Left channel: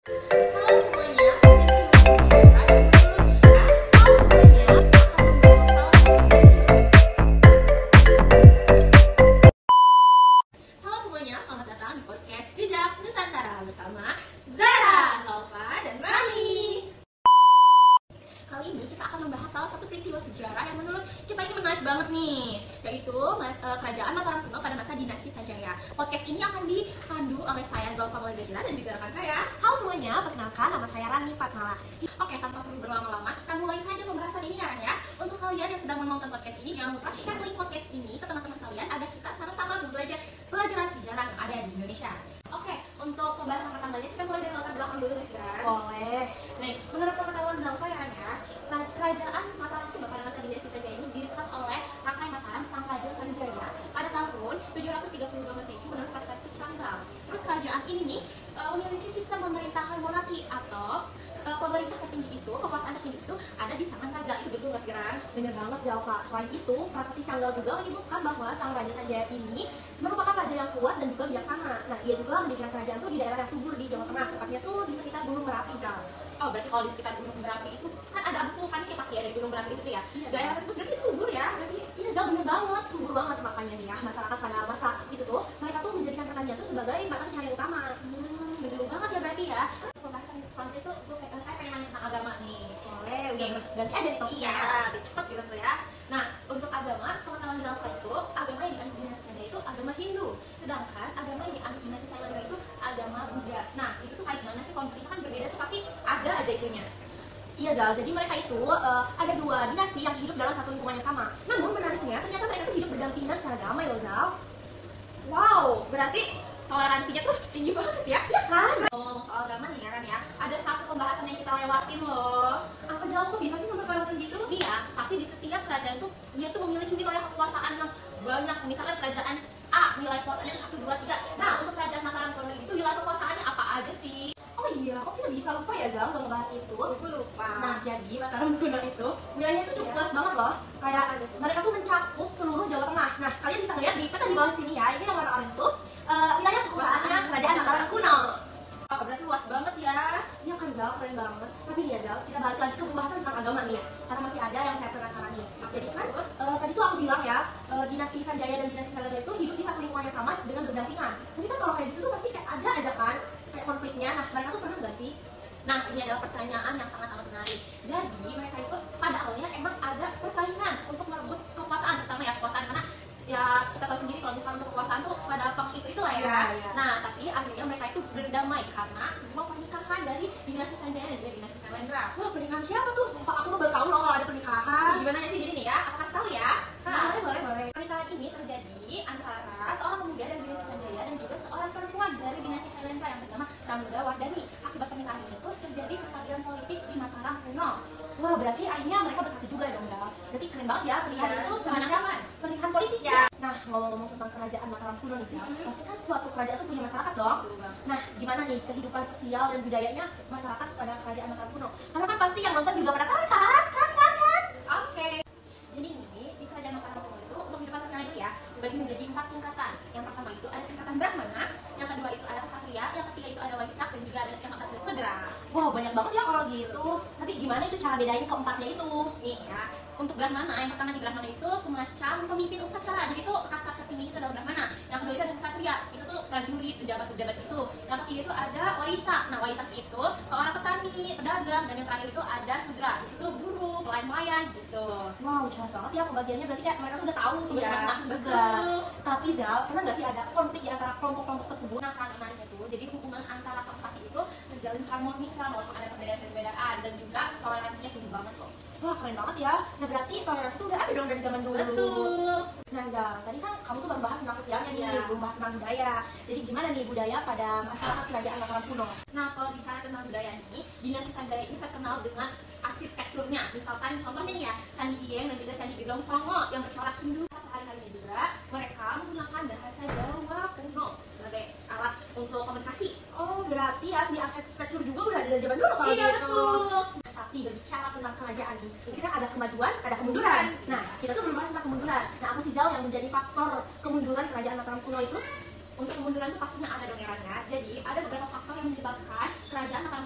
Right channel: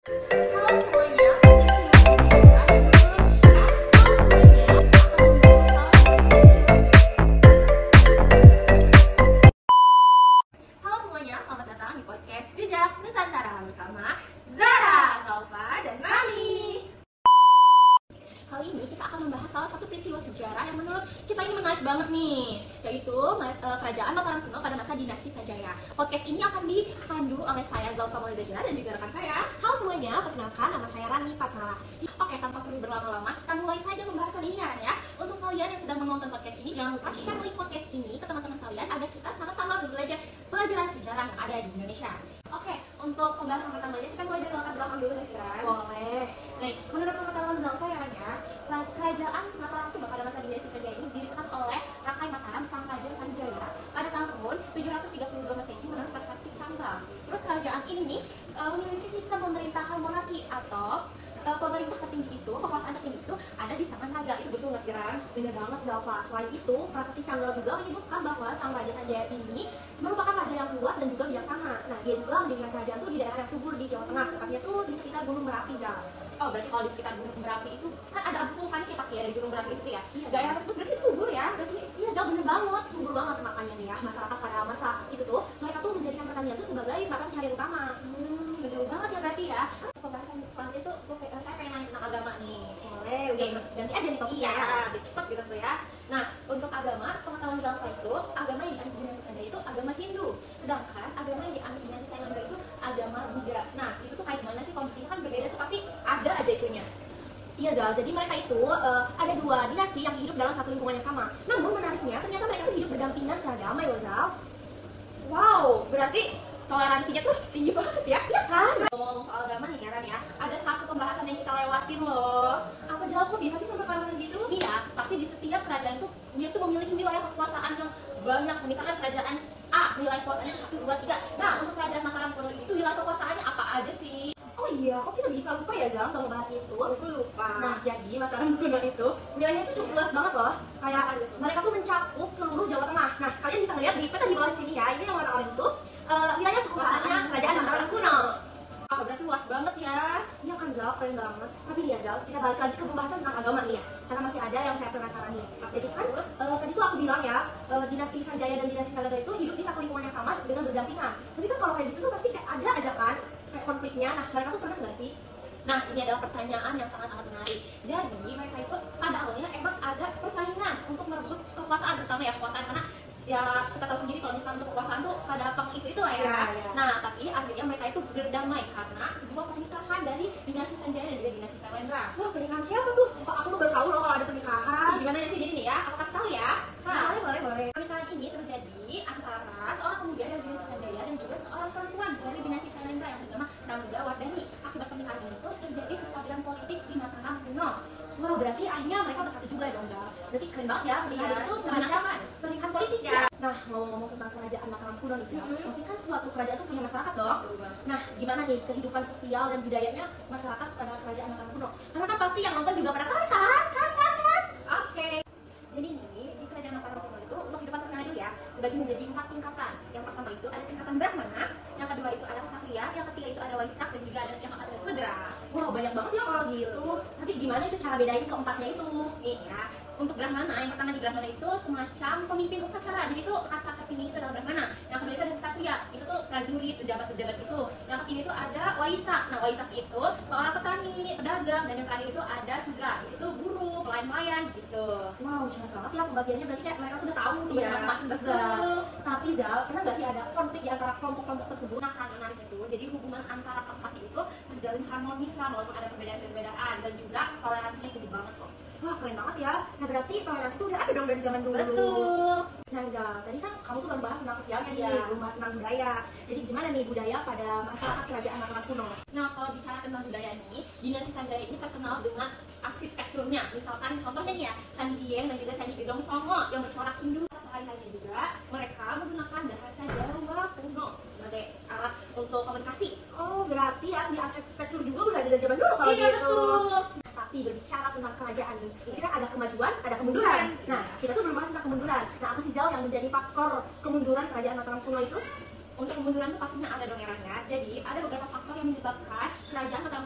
Halo semuanya, halo semuanya, selamat datang di podcast Jejak Nusantara bersama Zara, Zalfa, dan Rani. Kali ini kita akan membahas salah satu peristiwa sejarah yang menurut kita ini menarik banget nih, yaitu kerajaan Mataram kuno pada masa dinasti Sanjaya. Podcast ini akan dipandu oleh saya Zalfa Maulidajila dan juga rekan saya. Halo semuanya, perkenalkan nama saya Rani Fatmala. Oke, tanpa perlu berlama-lama, kita mulai saja pembahasan ini ya. Untuk kalian yang sedang menonton podcast ini, jangan lupa share link podcast ini ke teman-teman kalian agar kita sama-sama belajar pelajaran sejarah yang ada di Indonesia. Oke, untuk pembahasan pertama kita mulai dari latar belakang dulu sekarang. Boleh. Nih, menurut pengetahuan Zalfa ya, kerajaan Mataram Kuno pada masa dinasti Sanjaya ini didirikan oleh Rakai Mataram Sang Raja Sanjaya pada tahun 732 Masehi menurut prasasti Canggrang. Terus kerajaan ini nih memiliki sistem pemerintahan monarki atau pemerintah tertinggi itu, kekuasaan tertinggi itu ada di tangan raja. Itu betul nggak sih, Ran? Benar banget Zalfa. Selain itu, prasasti Canggal juga menyebutkan bahwa Sang Raja Sanjaya ini merupakan raja yang kuat dan juga bijaksana. Nah, dia juga mendirikan kerajaan tuh di daerah yang subur di Jawa Tengah, tepatnya tuh di sekitar Gunung Merapi, Zal. Oh, berarti kalau di sekitar Gunung Merapi itu kan ada vulkanik pasti ya, dari Gunung Merapi itu ya. Daerah tersebut berarti subur ya. Berarti Iya, Zal, bener banget, subur banget. Makanya nih ya, masyarakat pada masa itu tuh mereka tuh menjadikan pertanian tuh sebagai mata pencaharian utama. betul banget ya berarti ya. Pembahasan selanjutnya itu saya pengen nanya tentang agama nih. Boleh, udah ganti aja nih topiknya. Iya, lebih cepat gitu tuh ya. Nah, untuk agama, pengetahuan Zalfa itu, agama yang dianut dinasti Sanjaya itu agama Hindu. Sedangkan agama yang dianut dinasti Sanjaya itu agama Buddha. Nah, itu tuh kayak gimana sih kondisinya kan berbeda tuh pasti ada aja itunya. Iya, Zal. Jadi mereka itu ada dua dinasti yang hidup dalam satu lingkungan yang sama. Namun menariknya, ternyata mereka tuh hidup berdampingan secara damai loh, Zal. Wow, berarti toleransinya tuh tinggi banget ya. Iya kan? Ngomong-ngomong soal agama nih ya kan ya, ada satu pembahasan yang kita lewatin loh. Apa Zal, kok bisa sih sampai pembahasan gitu? Nih ya, pasti di setiap kerajaan itu dia tuh memiliki wilayah kekuasaan yang banyak. Misalkan kerajaan A, wilayah kekuasaannya 1, 2, 3. Nah, untuk kerajaan Mataram Kuno itu wilayah kekuasaannya apa aja sih? Oh iya, kok kita bisa lupa ya Zal nggak ngebahas itu? Aku lupa. Nah, jadi Mataram Kuno itu wilayahnya itu cukup luas banget loh. Kayak mereka tuh mencakup seluruh Jawa Tengah. Nah, kalian bisa lihat di peta di bawah sini ya. Ini yang warna oranye itu wilayah kekuasaannya kerajaan Mataram Kuno. Oh, berarti luas banget ya. Iya kan Zal, keren banget. Tapi nih ya Zal, kita balik lagi ke pembahasan tentang agama nih ya. Karena masih ada yang saya penasaran nih. Jadi kan tadi tuh aku bilang ya, dinasti Sanjaya dan dinasti Nagara itu hidup di satu lingkungan yang sama dengan berdampingan. Tapi kan kalau kayak gitu tuh pasti kayak ada aja kan kayak konfliknya. Nah, mereka tuh pernah nggak sih? Nah, ini adalah pertanyaan yang sangat-sangat menarik. Jadi, mereka itu pada awalnya emang ada persaingan untuk merebut kekuasaan, terutama ya kekuasaan, karena ya kita tahu sendiri kalau misalnya untuk kekuasaan tuh pada itu lah ya. Iya. Nah, tapi akhirnya mereka itu berdamai karena sebuah pernikahan dari dinasti Sanjaya dan juga dinasti Sailendra. Wah, pernikahan siapa tuh? Sumpah aku tuh baru tahu loh kalau ada pernikahan. Gimana sih jadi nih ya? Aku kasih tahu ya. Nah, boleh. Pernikahan ini terjadi antara seorang pemuda dari dinasti Sanjaya dan juga seorang perempuan dari dinasti Sailendra yang bernama Pramila Wardani. Akibat pernikahan itu terjadi kestabilan politik di Mataram Kuno. Wah, berarti akhirnya mereka bersatu juga dong, Zal. Berarti keren banget ya, pernikahan Iya, itu semacam pernikahan politik ya. Nah, ngomong-ngomong tentang kerajaan Mataram Kuno nih, Zal, pasti kan suatu kerajaan itu punya masyarakat dong. Nah, gimana nih kehidupan sosial dan budayanya masyarakat pada kerajaan Mataram Kuno? Karena kan pasti yang nonton juga penasaran kan? Oke. Jadi ini di kerajaan Mataram Kuno itu untuk kehidupan sosialnya itu ya dibagi menjadi 4 tingkatan. Yang pertama itu ada tingkatan Brahmana, yang kedua itu ada Ksatria, yang ketiga itu ada Waisak dan juga ada yang keempat ada Sudra. Wah, banyak banget ya kalau gitu. Tapi gimana itu cara bedain keempatnya itu? Nih ya, untuk Brahmana yang pertama di Brahmana itu semacam pemimpin upacara. Jadi itu kasta tertinggi itu adalah Brahmana. Yang kedua itu ada Ksatria, itu tuh prajurit, pejabat-pejabat itu. Yang ketiga itu ada Waisak. Nah, Waisak itu seorang petani, pedagang, dan yang terakhir itu ada Sudra. Itu tuh buruh, pelayan-pelayan gitu. Wow, jelas banget ya pembagiannya. Berarti kayak mereka tuh udah tahu tuh Iya, masing-masing betul. Tapi Zal, pernah nggak sih ada konflik di antara kelompok-kelompok tersebut? Nah, karena menariknya tuh, jadi hubungan antara keempat itu terjalin harmonis lah, walaupun ada perbedaan-perbedaan dan juga toleransinya tinggi banget kok. Wah, keren banget ya. Nah, berarti toleransi itu udah ada dong dari zaman dulu. Betul. Nah, Zal, tadi kan kamu tuh baru bahas tentang sosialnya nih, Iya. belum bahas tentang budaya. Jadi gimana nih budaya pada masyarakat kerajaan Mataram Kuno? Nah, kalau bicara tentang budaya nih, dinasti Sanjaya ini terkenal dengan arsitekturnya. Misalkan contohnya nih ya, Candi Dieng dan juga Candi Gedong Songo yang bercorak Hindu. Sekali-kalinya juga mereka menggunakan bahasa Jawa kuno sebagai alat untuk komunikasi. Oh, berarti asli arsitektur juga udah ada dari zaman dulu kalau Iya, gitu. betul. Tapi berbicara tentang kerajaan nih, ini kan ada kemajuan, ada kemunduran. Nah, kita tuh belum bahas tentang kemunduran. Nah, apa sih Zal yang menjadi faktor kemunduran kerajaan Mataram Kuno itu? Untuk kemunduran itu pastinya ada dong eranya. Jadi ada beberapa faktor yang menyebabkan kerajaan Mataram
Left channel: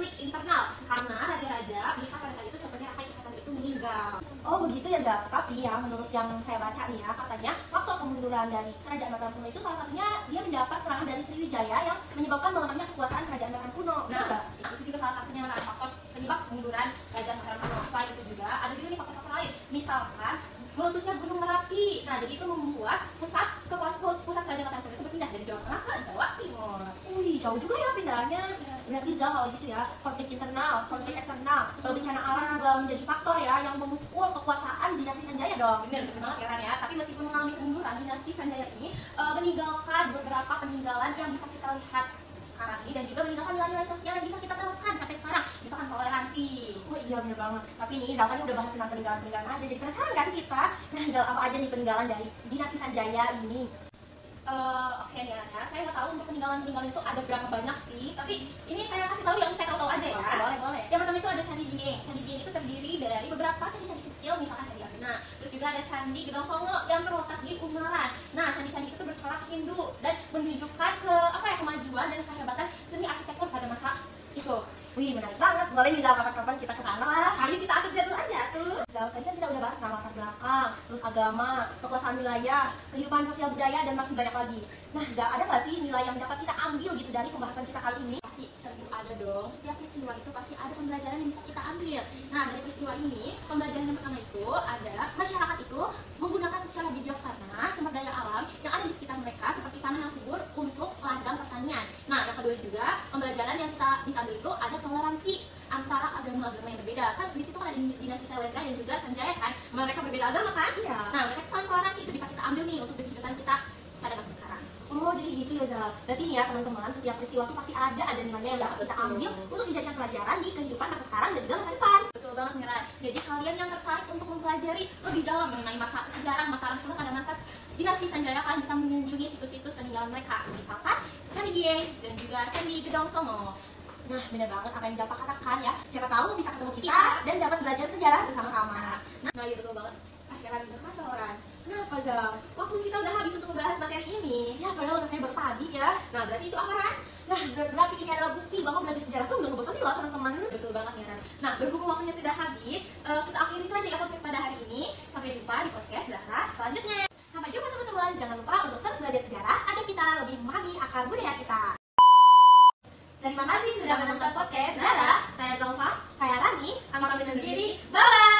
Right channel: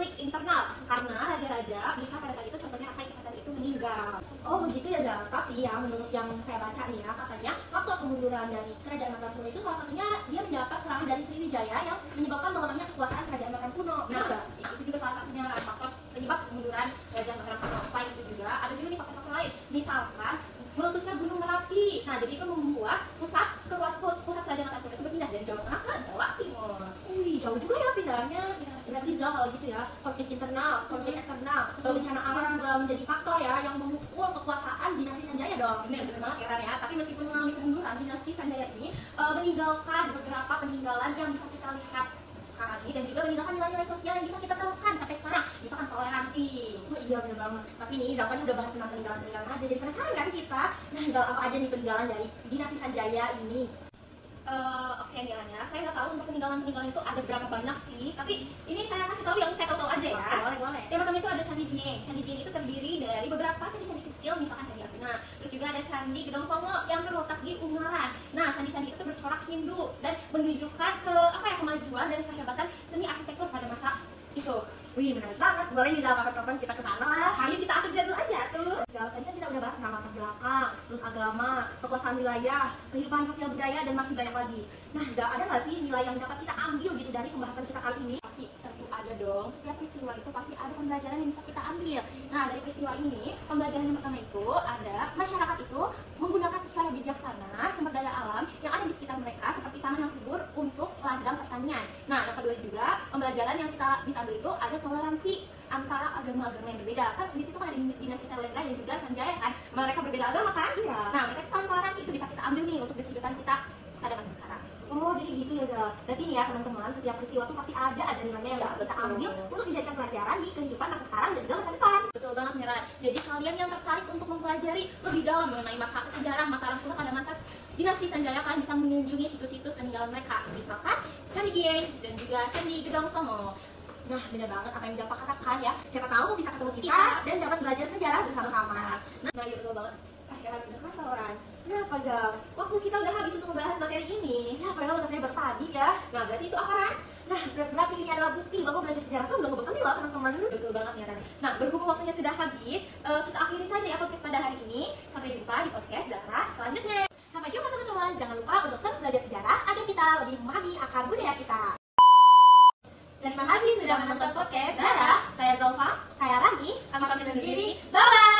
konflik internal karena raja-raja bisa pada saat itu contohnya Raka Ikatan itu meninggal. Oh begitu ya Zal. Tapi ya menurut yang saya baca nih ya, katanya waktu kemunduran dari kerajaan Mataram kuno itu salah satunya dia mendapat serangan dari Sriwijaya yang menyebabkan melemahnya kekuasaan kerajaan Mataram kuno. Nah, itu juga salah satunya faktor penyebab kemunduran kerajaan Mataram kuno. Selain itu juga ada juga nih faktor-faktor lain. Misalkan meletusnya Gunung Merapi. Nah, jadi itu membuat pusat kerajaan Mataram kuno itu berpindah dari Jawa Tengah ke Jawa Timur. Wih, jauh juga ya pindahnya. Berarti Zal kalau gitu ya, konflik internal, konflik eksternal, bencana alam juga menjadi faktor ya yang memukul kekuasaan dinasti Sanjaya dong. Benar banget ya Ran ya. Tapi meskipun mengalami kemunduran, dinasti Sanjaya ini meninggalkan beberapa peninggalan yang bisa kita lihat sekarang ini dan juga meninggalkan nilai-nilai sosial yang bisa kita terapkan sampai sekarang. Misalkan toleransi. Oh iya benar banget. Tapi nih Zal tadi udah bahas tentang peninggalan-peninggalan aja, jadi penasaran kan kita? Nah Zal, apa aja nih peninggalan dari dinasti Sanjaya ini? Oke nih Ran ya. Saya nggak tahu untuk peninggalan-peninggalan itu ada berapa banyak sih. Tapi ini saya kasih tahu yang saya tahu aja ya. Boleh. Yang pertama itu ada Candi Dieng. Candi Dieng itu terdiri dari beberapa candi-candi kecil, misalkan Candi Arjuna. Terus juga ada Candi Gedong Songo yang terletak di Ungaran. Nah, candi-candi itu bercorak Hindu dan menunjukkan kemajuan dan kehebatan seni arsitektur pada masa itu. Wih, menarik banget. Boleh nih Zal, kapan-kapan kita ke sana lah. Ayo kita atur jadwal aja tuh. Zal, tadi kan kita udah bahas tentang latar belakang, terus agama, kekuasaan wilayah, kehidupan sosial budaya, dan masih banyak lagi. Nah, Zal, ada nggak sih nilai yang dapat kita ambil gitu dari pembahasan kita kali ini? Pasti tentu ada dong. Setiap peristiwa itu pasti ada pembelajaran yang bisa kita ambil. Nah, dari peristiwa ini, pembelajaran yang pertama itu ada masyarakat itu menggunakan secara bijaksana sumber daya alam yang ada di sekitar mereka seperti tanah yang subur untuk ladang pertanian. Nah, yang kedua juga pembelajaran yang kita bisa ambil itu ada toleransi antara agama-agama yang berbeda. Kan di situ kan ada dinasti Sailendra dan juga Sanjaya kan, mereka berbeda agama kan? Iya. Nah, mereka saling toleransi itu bisa kita ambil nih untuk kehidupan kita pada masa sekarang. Oh, jadi gitu ya Zal. Berarti nih ya teman-teman, setiap peristiwa itu pasti ada aja nilainya yang dapat kita ambil untuk dijadikan pelajaran di kehidupan masa sekarang dan juga masa depan. Betul banget Mira. Jadi kalian yang tertarik untuk mempelajari lebih dalam mengenai sejarah Mataram kuno pada masa dinasti Sanjaya, kalian bisa mengunjungi situs-situs peninggalan mereka. Misalkan Candi Dieng dan juga Candi Gedong Songo. Nah, benar banget apa yang Zal katakan ya. Siapa tahu bisa ketemu kita dan dapat belajar sejarah bersama-sama. Nah, iya betul banget. Heran banget orang. Kenapa Zal? Waktu kita udah habis untuk membahas materi ini. Ya, padahal rasanya baru tadi ya. Nah, berarti itu apa kan? Nah, berarti ini adalah bukti bahwa belajar sejarah itu nggak ngebosenin loh teman-teman. Betul banget ya Rani. Nah, berhubung waktunya sudah habis, kita akhiri saja ya podcast pada hari ini. Sampai jumpa di podcast Zara selanjutnya. Sampai jumpa teman-teman. Jangan lupa untuk terus belajar sejarah agar kita lebih memahami akar budaya kita. Terima kasih sudah menonton podcast Zara. Saya Zalfa. Saya Rani. Kami pamit undur diri. Bye-bye.